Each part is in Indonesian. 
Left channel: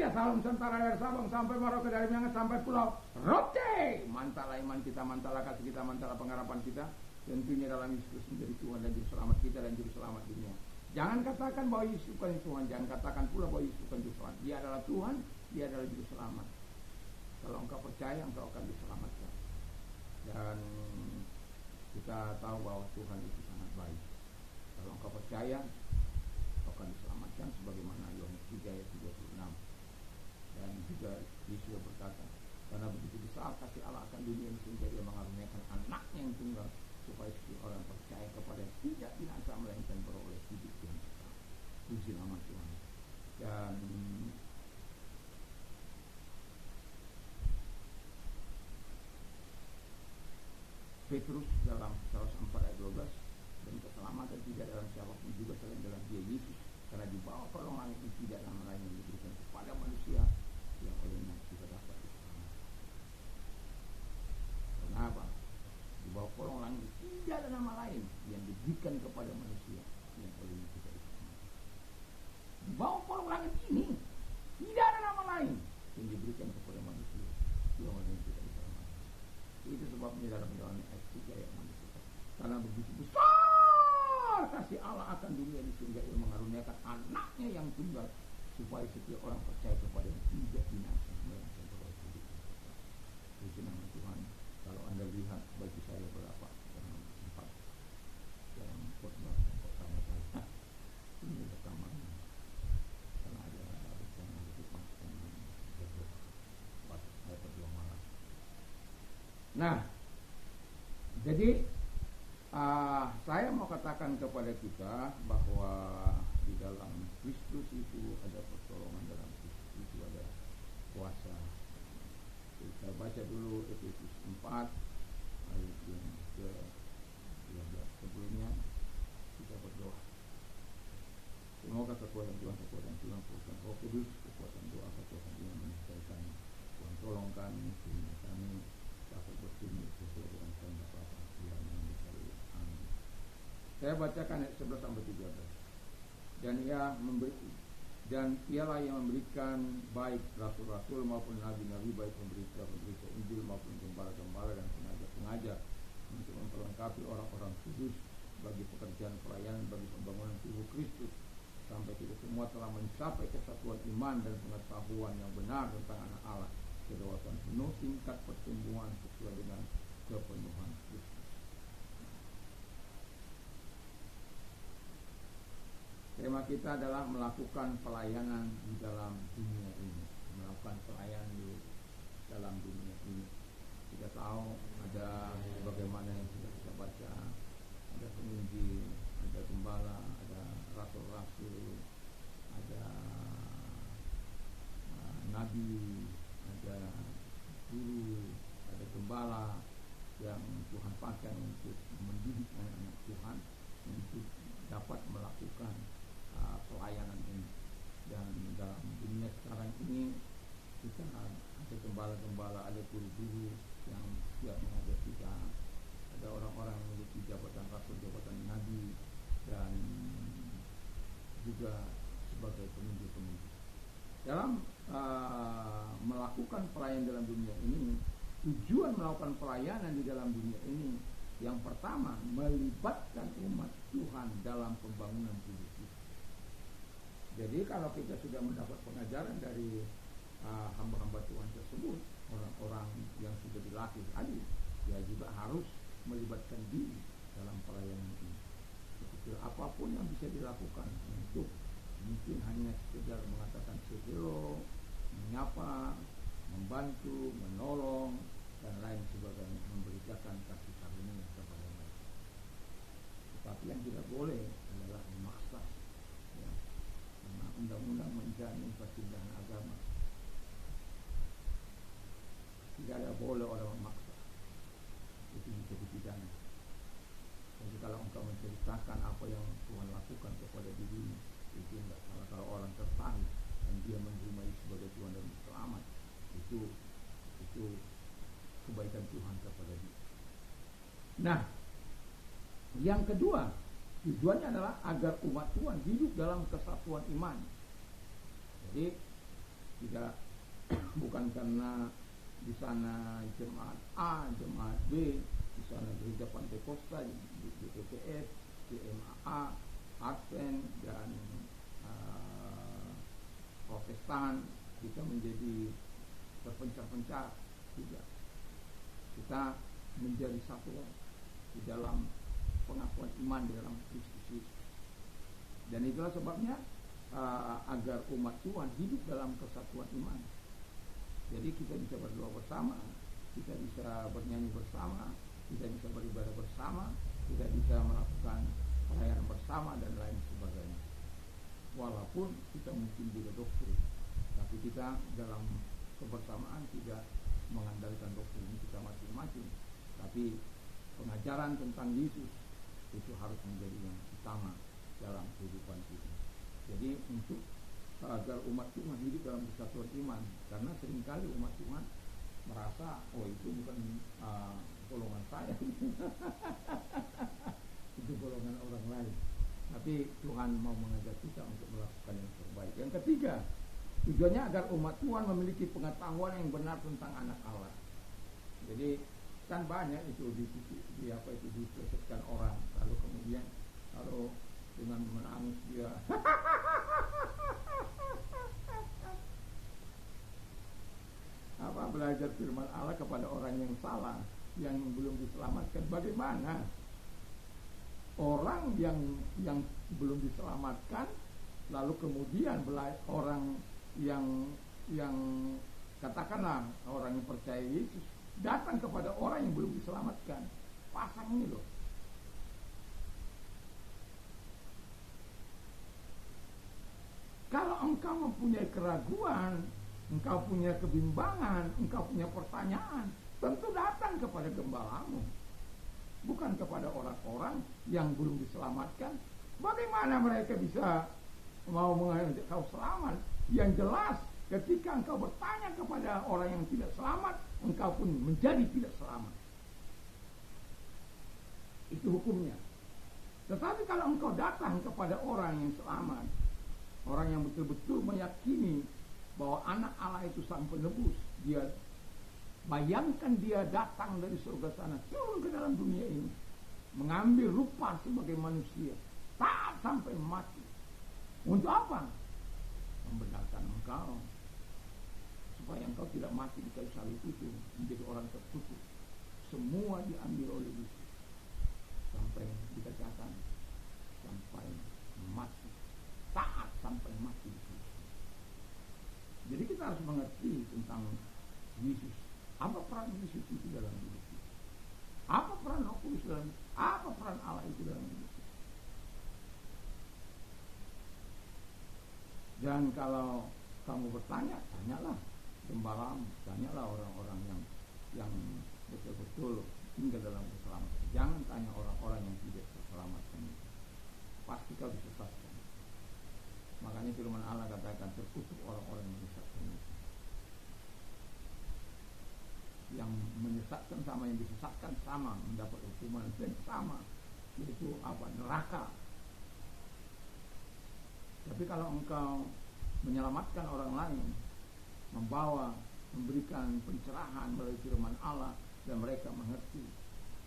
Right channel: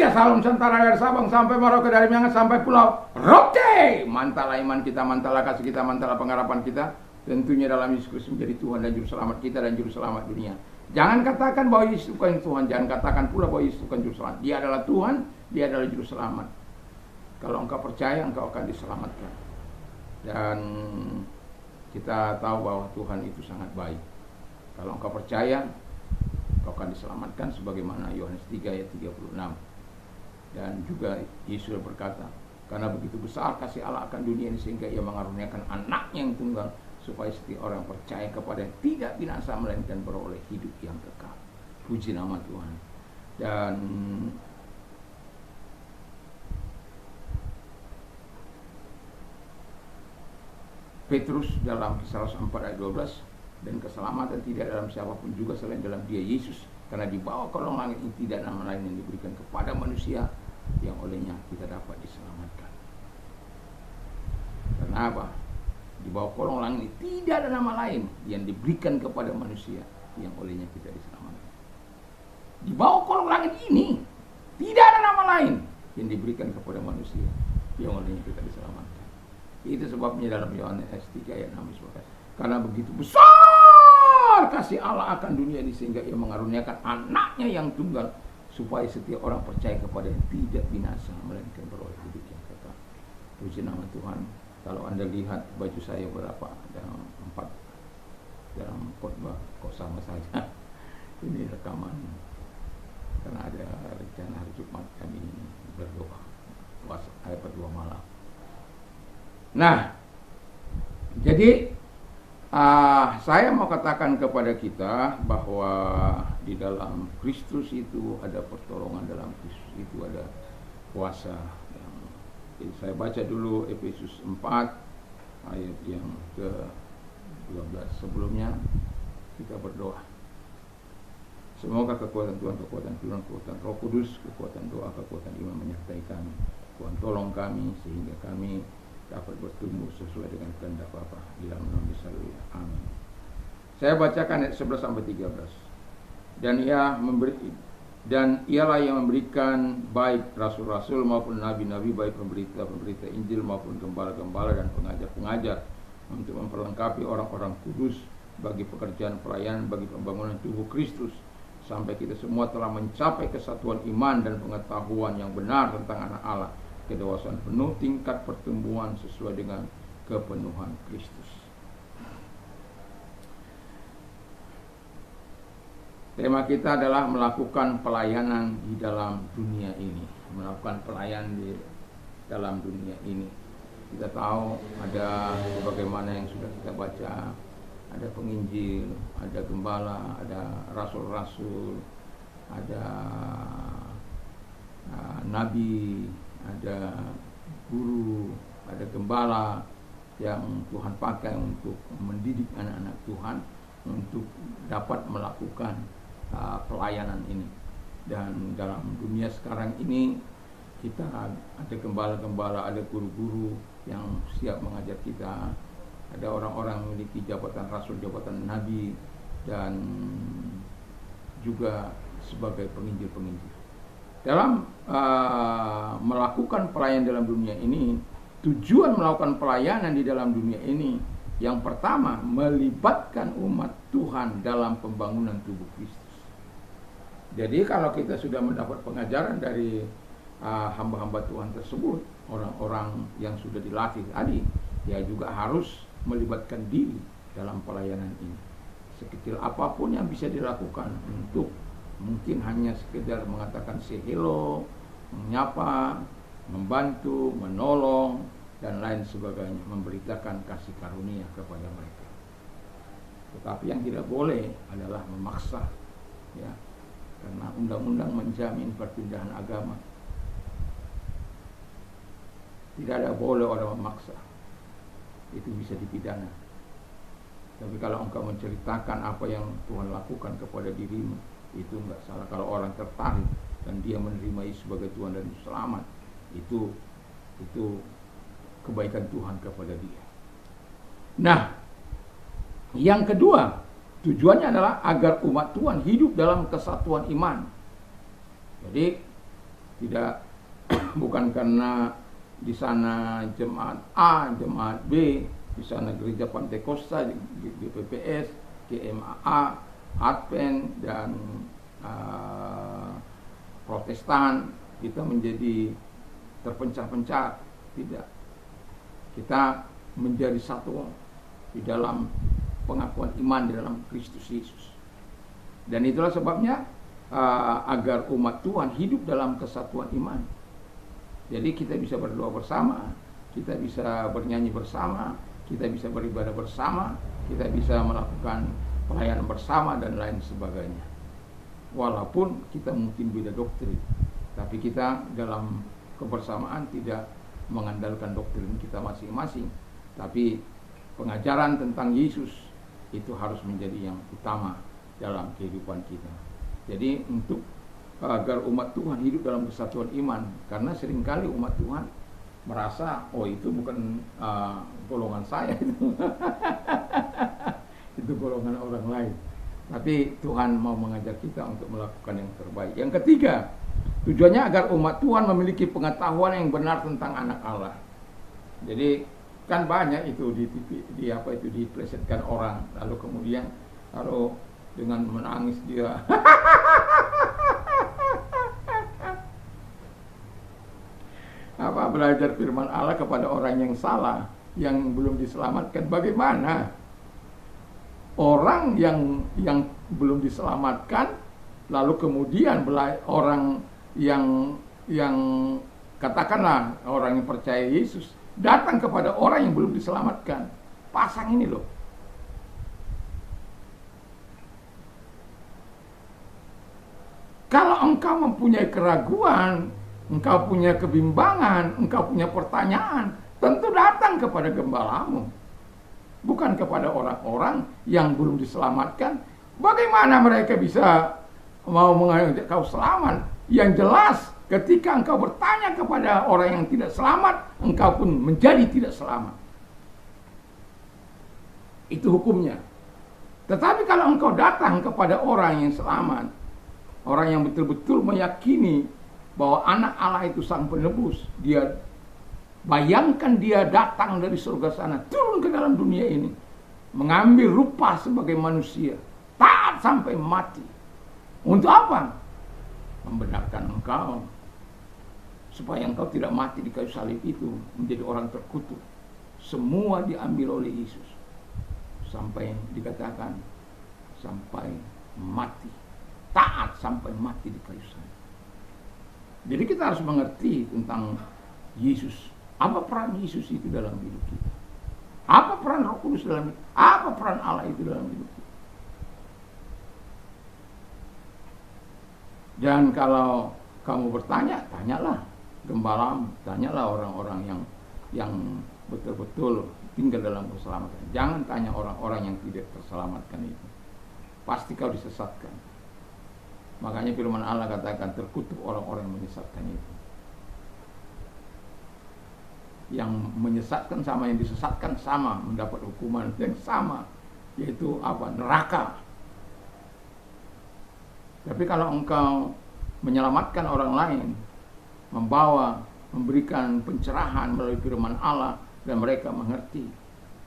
Indonesia, Salam Nusantara dari Sabang sampai Merauke, dari Miangas sampai Pulau Rote. Mantala iman kita, mantala kasih kita, mantala pengharapan kita. Tentunya dalam Yesus Kristus menjadi Tuhan dan Juru Selamat kita dan Juru Selamat dunia. Jangan katakan bahwa Yesus bukan Tuhan, jangan katakan pula bahwa Yesus bukan Juru Selamat. Dia adalah Tuhan, Dia adalah Juru Selamat. Kalau engkau percaya, engkau akan diselamatkan. Dan kita tahu bahwa Tuhan itu sangat baik. Kalau engkau percaya, engkau akan diselamatkan sebagaimana Yohanes 3 ayat 36. Dan juga Yesus berkata, karena begitu besar kasih Allah akan dunia ini sehingga Ia mengaruniakan anaknya yang tunggal, supaya setiap orang percaya kepada yang tidak binasa melainkan beroleh hidup yang kekal. Puji nama Tuhan. Dan Petrus dalam Kisah 4 ayat 12, dan keselamatan tidak dalam siapapun juga selain dalam Dia Yesus, karena di bawah kolong langit ini tidak nama lain yang diberikan kepada manusia yang olehnya kita dapat diselamatkan. Kenapa? Di bawah kolong langit ini tidak ada nama lain yang diberikan kepada manusia yang olehnya kita diselamatkan. Di bawah kolong langit ini tidak ada nama lain yang diberikan kepada manusia yang olehnya kita diselamatkan. Itu sebabnya dalam Yohanes 3 ayat 6 disebutkan, karena begitu besar kasih Allah akan dunia ini sehingga Ia mengaruniakan anaknya yang tunggal, supaya setiap orang percaya kepada yang tidak binasa melainkan beroleh hidup yang kekal. Puji nama Tuhan. Kalau Anda lihat baju saya berapa, ada 4 dalam khotbah, kok sama saja. Ini rekaman karena ada rencana hari Jumat kami berdoa puasa ayat berdua malam. Nah, jadi saya mau katakan kepada kita bahwa di dalam Kristus itu ada pertolongan, dalam Kristus itu ada kuasa. Jadi saya baca dulu Efesus 4 ayat yang ke-12. Sebelumnya kita berdoa. Semoga kekuatan Tuhan, kekuatan firman, kekuatan Roh Kudus, kekuatan doa, kekuatan iman menyertai kami. Tuhan tolong kami sehingga kami dapat bertumbuh sesuai dengan kehendak Bapa di dalam nama Yesus. Amin. Saya bacakan ayat 11 sampai 13. Dan ialah yang memberikan baik rasul-rasul maupun nabi-nabi, baik pemberita-pemberita Injil maupun gembala-gembala dan pengajar-pengajar, untuk memperlengkapi orang-orang kudus bagi pekerjaan pelayanan, bagi pembangunan tubuh Kristus, sampai kita semua telah mencapai kesatuan iman dan pengetahuan yang benar tentang anak Allah, kedewasaan penuh tingkat pertumbuhan sesuai dengan kepenuhan Kristus. Tema kita adalah melakukan pelayanan di dalam dunia ini. Melakukan pelayanan di dalam dunia ini. Kita tahu ada bagaimana yang sudah kita baca. Ada penginjil, ada gembala, ada rasul-rasul, ada nabi, ada guru, ada gembala yang Tuhan pakai untuk mendidik anak-anak Tuhan untuk dapat melakukan pelayanan ini. Dan dalam dunia sekarang ini kita ada gembala-gembala, ada guru-guru yang siap mengajar kita, ada orang-orang memiliki jabatan rasul, jabatan nabi, dan juga sebagai penginjil-penginjil. Dalam melakukan pelayanan dalam dunia ini, tujuan melakukan pelayanan di dalam dunia ini, yang pertama melibatkan umat Tuhan dalam pembangunan tubuh Kristus. Jadi kalau kita sudah mendapat pengajaran dari hamba-hamba Tuhan tersebut, orang-orang yang sudah dilatih tadi, dia juga harus melibatkan diri dalam pelayanan ini. Sekecil apapun yang bisa dilakukan, untuk mungkin hanya sekedar mengatakan say hello, menyapa, membantu, menolong, dan lain sebagainya, memberitakan kasih karunia kepada mereka. Tetapi yang tidak boleh adalah memaksa, ya, karena undang-undang menjamin perpindahan agama. Tidak ada boleh orang memaksa, itu bisa dipidana. Tapi kalau engkau menceritakan apa yang Tuhan lakukan kepada dirimu, itu enggak salah. Kalau orang tertarik dan dia menerima Yesus sebagai Tuhan dan Selamat, itu kebaikan Tuhan kepada dia. Nah, yang kedua, tujuannya adalah agar umat Tuhan hidup dalam kesatuan iman. Jadi Tidak bukan karena di sana jemaat A, jemaat B, di sana gereja Pantekosta, di PPS, GMAA, Advent dan Protestan kita menjadi terpencah-pencah. Tidak. Kita menjadi satu di dalam pengakuan iman di dalam Kristus Yesus. Dan itulah sebabnya agar umat Tuhan hidup dalam kesatuan iman. Jadi kita bisa berdoa bersama, kita bisa bernyanyi bersama, kita bisa beribadah bersama, kita bisa melakukan pelayanan bersama dan lain sebagainya. Walaupun kita mungkin beda doktrin, tapi kita dalam kebersamaan tidak mengandalkan doktrin kita masing-masing, tapi pengajaran tentang Yesus itu harus menjadi yang utama dalam kehidupan kita. Jadi untuk agar umat Tuhan hidup dalam kesatuan iman, karena seringkali umat Tuhan merasa itu bukan golongan saya itu. Itu golongan orang lain. Tapi Tuhan mau mengajar kita untuk melakukan yang terbaik. Yang ketiga, tujuannya agar umat Tuhan memiliki pengetahuan yang benar tentang anak Allah. Jadi kan banyak itu di TV, diplesetkan orang, lalu kemudian lalu dengan menangis dia belajar firman Allah kepada orang yang salah, yang belum diselamatkan. Bagaimana orang yang belum diselamatkan, lalu kemudian orang yang katakanlah orang yang percaya Yesus datang kepada orang yang belum diselamatkan. Pasang ini loh. Kalau engkau mempunyai keraguan, engkau punya kebimbangan, engkau punya pertanyaan, tentu datang kepada gembalamu. Bukan kepada orang-orang yang belum diselamatkan. Bagaimana mereka bisa mau mengajak kau selamat? Yang jelas ketika engkau bertanya kepada orang yang tidak selamat, engkau pun menjadi tidak selamat. Itu hukumnya. Tetapi kalau engkau datang kepada orang yang selamat, orang yang betul-betul meyakini bahwa anak Allah itu sang penebus, dia bayangkan dia datang dari surga sana, turun ke dalam dunia ini, mengambil rupa sebagai manusia, taat sampai mati. Untuk apa? Membenarkan engkau, supaya engkau tidak mati di kayu salib itu, menjadi orang terkutuk. Semua diambil oleh Yesus, sampai dikatakan sampai mati, taat sampai mati di kayu salib. Jadi kita harus mengerti tentang Yesus. Apa peran Yesus itu dalam hidup kita? Apa peran Roh Kudus dalam hidup? Apa peran Allah itu dalam hidup kita? Dan kalau kamu bertanya, tanyalah gembalamu, tanyalah orang-orang yang betul-betul tinggal dalam keselamatan. Jangan tanya orang-orang yang tidak terselamatkan itu. Pasti kau disesatkan. Makanya firman Allah katakan terkutuk orang-orang yang menyesatkan itu. Yang menyesatkan sama yang disesatkan sama, mendapat hukuman yang sama, yaitu apa? Neraka. Tapi kalau engkau menyelamatkan orang lain, memberikan pencerahan melalui firman Allah, dan mereka mengerti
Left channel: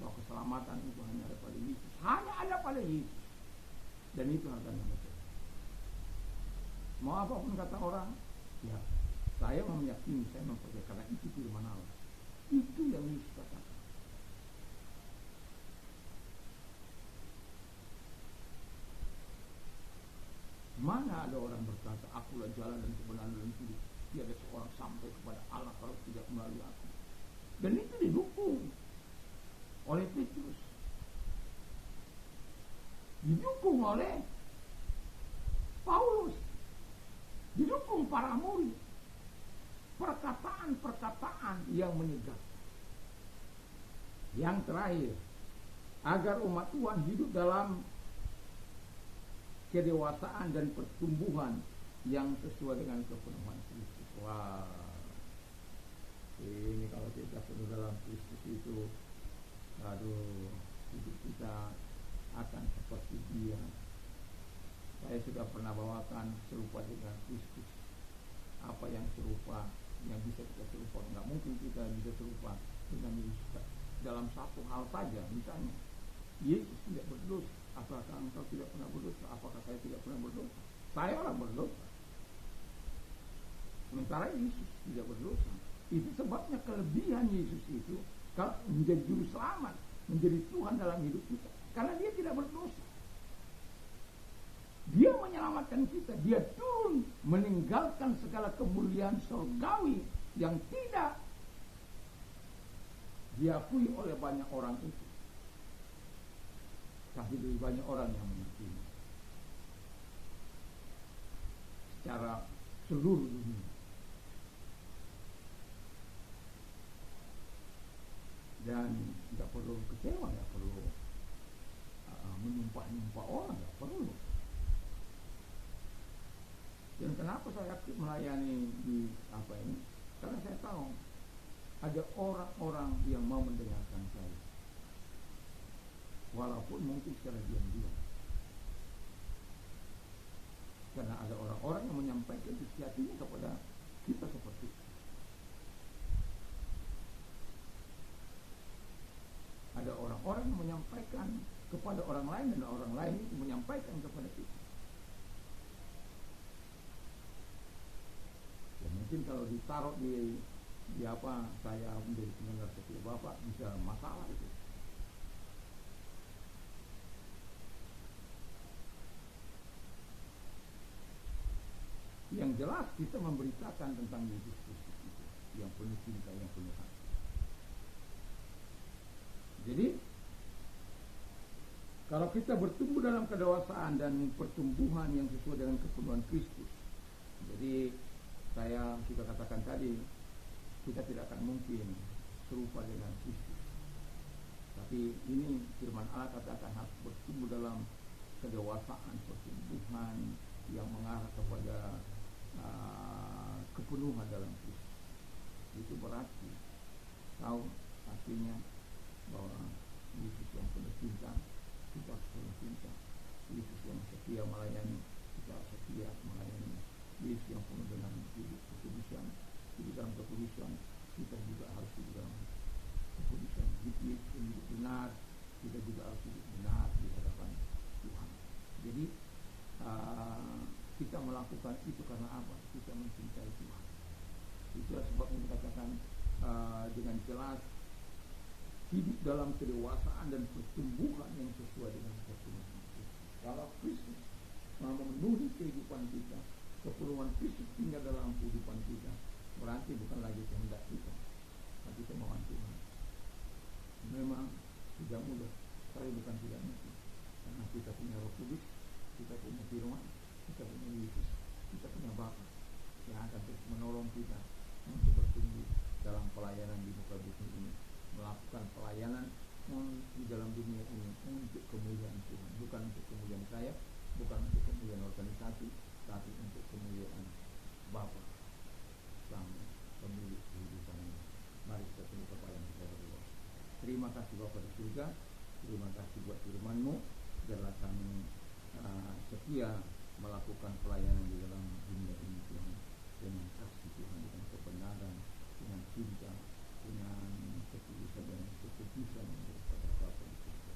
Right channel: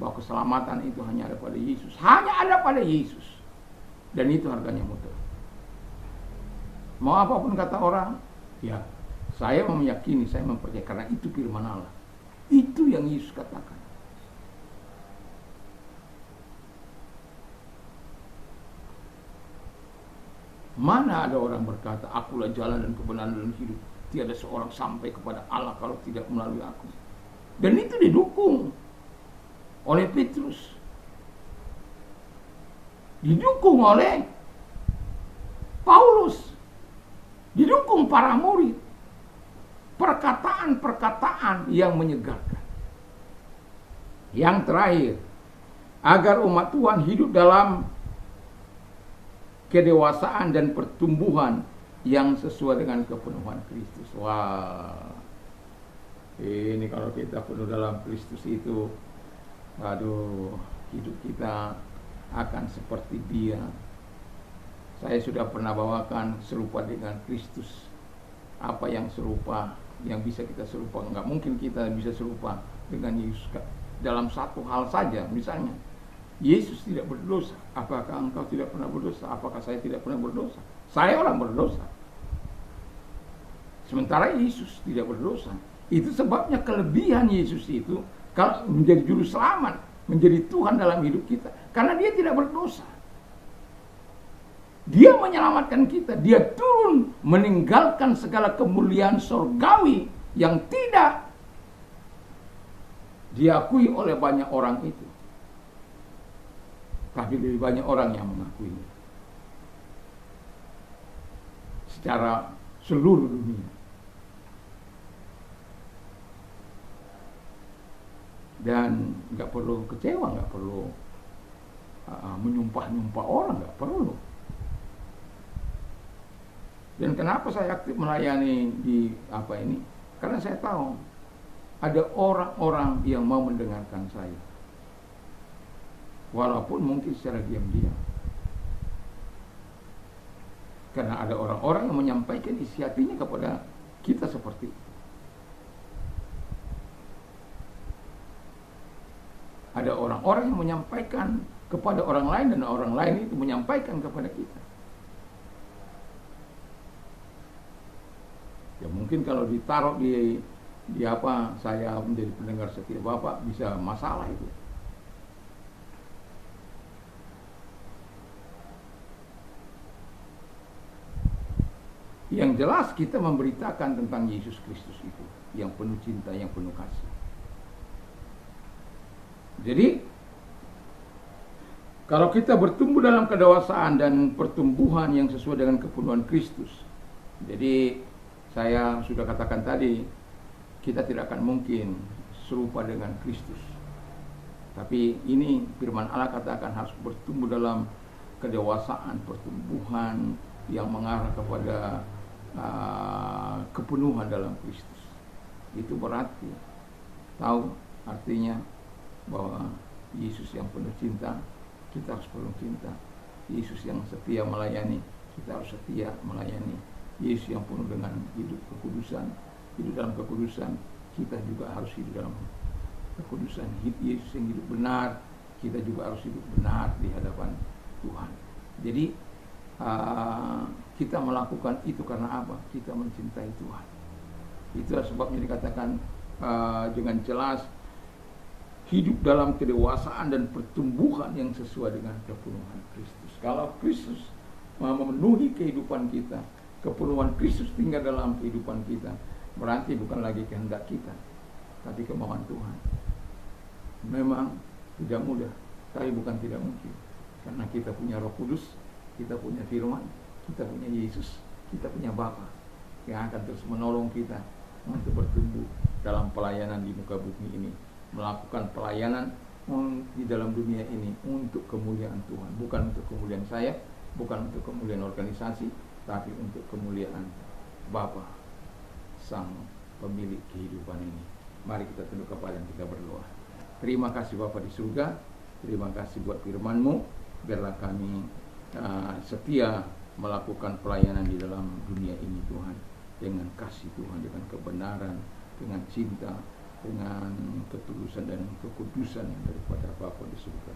bahwa keselamatan itu hanya ada pada Yesus, hanya ada pada Yesus, dan itu harganya mutlak. Mau apapun kata orang, ya saya meyakini, saya mempercayai karena itu firman Allah. Itu yang Yesus katakan. Mana ada orang berkata, akulah jalan dan kebenaran dan hidup, tiada seorang sampai kepada Allah kalau tidak melalui aku. Dan itu didukung oleh Petrus, didukung oleh Paulus, didukung para murid. Perkataan-perkataan yang menyegarkan. Yang terakhir, agar umat Tuhan hidup dalam kedewasaan dan pertumbuhan yang sesuai dengan kepenuhan Kristus. Wah, ini kalau kita penuh dalam Kristus itu, hidup kita akan seperti Dia. Saya sudah pernah bawakan serupa dengan Kristus. apa yang serupa, yang bisa kita serupa. Nggak mungkin kita bisa serupa dengan Yesus dalam satu hal saja. Misalnya, Yesus tidak berdosa. Apakah engkau tidak pernah berdosa? Apakah saya tidak pernah berdosa? Saya orang berdosa. Sementara Yesus tidak berdosa. Itu sebabnya kelebihan Yesus itu kalau menjadi juru selamat, menjadi Tuhan dalam hidup kita, karena dia tidak berdosa. Dia menyelamatkan kita. Dia turun meninggalkan segala kemuliaan surgawi yang tidak diakui oleh banyak orang itu. Tapi lebih banyak orang yang mengakuinya secara seluruh dunia. Dan nggak perlu kecewa, nggak perlu menyumpah-nyumpah orang, nggak perlu. Dan kenapa saya aktif melayani di apa ini? Karena saya tahu ada orang-orang yang mau mendengarkan saya, walaupun mungkin secara diam-diam. Karena ada orang-orang yang menyampaikan isi hatinya kepada kita seperti itu. Ada orang-orang yang menyampaikan kepada orang lain, dan orang lain itu menyampaikan kepada kita. Ya mungkin kalau ditaruh di apa, saya menjadi pendengar setia Bapak, bisa masalah itu. Yang jelas kita memberitakan tentang Yesus Kristus itu, yang penuh cinta, yang penuh kasih. Jadi kalau kita bertumbuh dalam kedewasaan dan pertumbuhan yang sesuai dengan kepenuhan Kristus, jadi saya sudah katakan tadi, kita tidak akan mungkin serupa dengan Kristus. Tapi ini firman Allah katakan harus bertumbuh dalam kedewasaan, pertumbuhan yang mengarah kepada kepenuhan dalam Kristus. Itu berarti tahu artinya bahwa Yesus yang penuh cinta, kita harus penuh cinta. Yesus yang setia melayani, kita harus setia melayani. Yesus yang penuh dengan hidup kekudusan, hidup dalam kekudusan, kita juga harus hidup dalam kekudusan. Yesus yang hidup benar, kita juga harus hidup benar di hadapan Tuhan. Jadi kita melakukan itu karena apa? Kita mencintai Tuhan. Itulah sebabnya dikatakan dengan jelas, hidup dalam kedewasaan dan pertumbuhan yang sesuai dengan kepenuhan Kristus. Kalau Kristus memenuhi kehidupan kita, kepenuhan Kristus tinggal dalam kehidupan kita, berarti bukan lagi kehendak kita, tapi kemauan Tuhan. Memang tidak mudah, tapi bukan tidak mungkin. Karena kita punya Roh Kudus, kita punya firman, kita punya Yesus, kita punya Bapa yang akan terus menolong kita untuk bertumbuh dalam pelayanan di muka bumi ini, melakukan pelayanan di dalam dunia ini untuk kemuliaan Tuhan, bukan untuk kemuliaan saya, bukan untuk kemuliaan organisasi, tapi untuk kemuliaan Bapa, Sang Pemilik kehidupan ini. Mari kita tunduk kepala dan kita berdoa. Terima kasih Bapa di surga, terima kasih buat firman-Mu, biarlah kami setia melakukan pelayanan di dalam dunia ini Tuhan, dengan kasih Tuhan, dengan kebenaran, dengan cinta, dengan ketulusan dan kekudusan daripada Bapa di surga.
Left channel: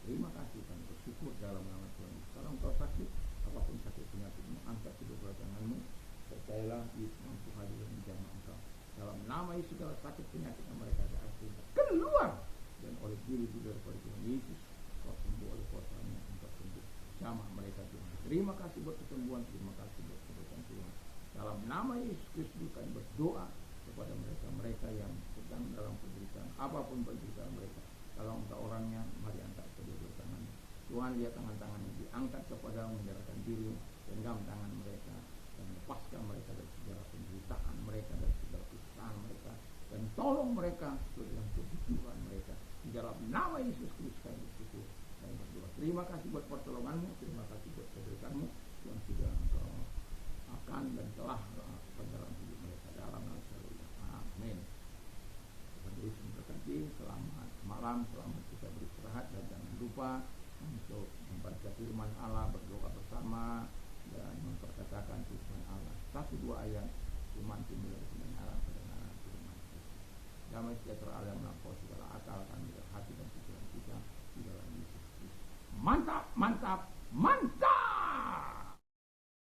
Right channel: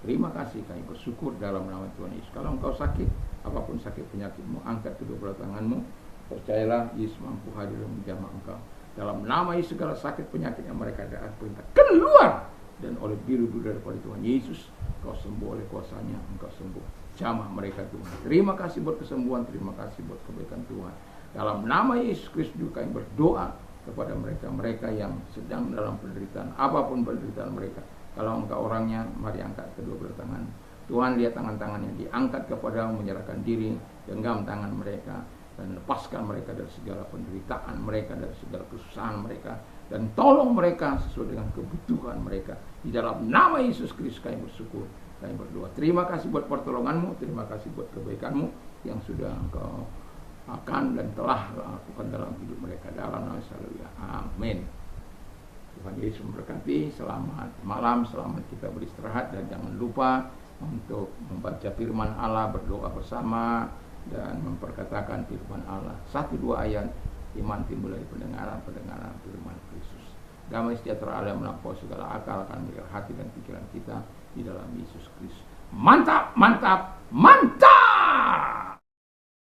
Terima kasih, kami bersyukur dalam nama Tuhan Yesus. Kalau engkau sakit, apapun sakit penyakitmu, angkat kedua belah tanganmu, percayalah Yesus mampu hadir dan menjamah engkau. Dalam nama Yesus, segala sakit penyakit yang mereka ada perintah keluar, dan oleh biru-biru daripada Tuhan Yesus, engkau sembuh oleh kuasanya, engkau sembuh. Jamah mereka Tuhan. Terima kasih buat kesembuhan, terima kasih buat kebaikan Tuhan. Dalam nama Yesus Kristus juga kami berdoa kepada mereka-mereka yang sedang dalam penderitaan, apapun penderitaan mereka. Kalau engkau orangnya, mari angkat kedua belah tangan. Tuhan, lihat tangan-tangannya diangkat kepadamu, menyerahkan diri, genggam tangan mereka, dan lepaskan mereka dari segala penderitaan mereka, dari segala kesusahan mereka, dan tolong mereka sesuai dengan kebutuhan mereka. Di dalam nama Yesus Kristus kami bersyukur, kami berdoa. Terima kasih buat pertolonganmu, terima kasih buat kebaikanmu yang sudah engkau akan dan telah lakukan dalam hidup mereka. Dalam nama Yesus, amin. Tuhan Yesus memberkati. Selamat malam, selamat kita beristirahat, dan jangan lupa untuk membaca firman Allah, berdoa bersama, dan memperkatakan firman Allah. 1-2 ayat Iman timbul dari pendengaran firman Kristus. Damai sejahtera Allah melampaui segala akal akan mengikat hati dan pikiran kita di dalam Yesus Kristus. Mantap, mantap, mantap.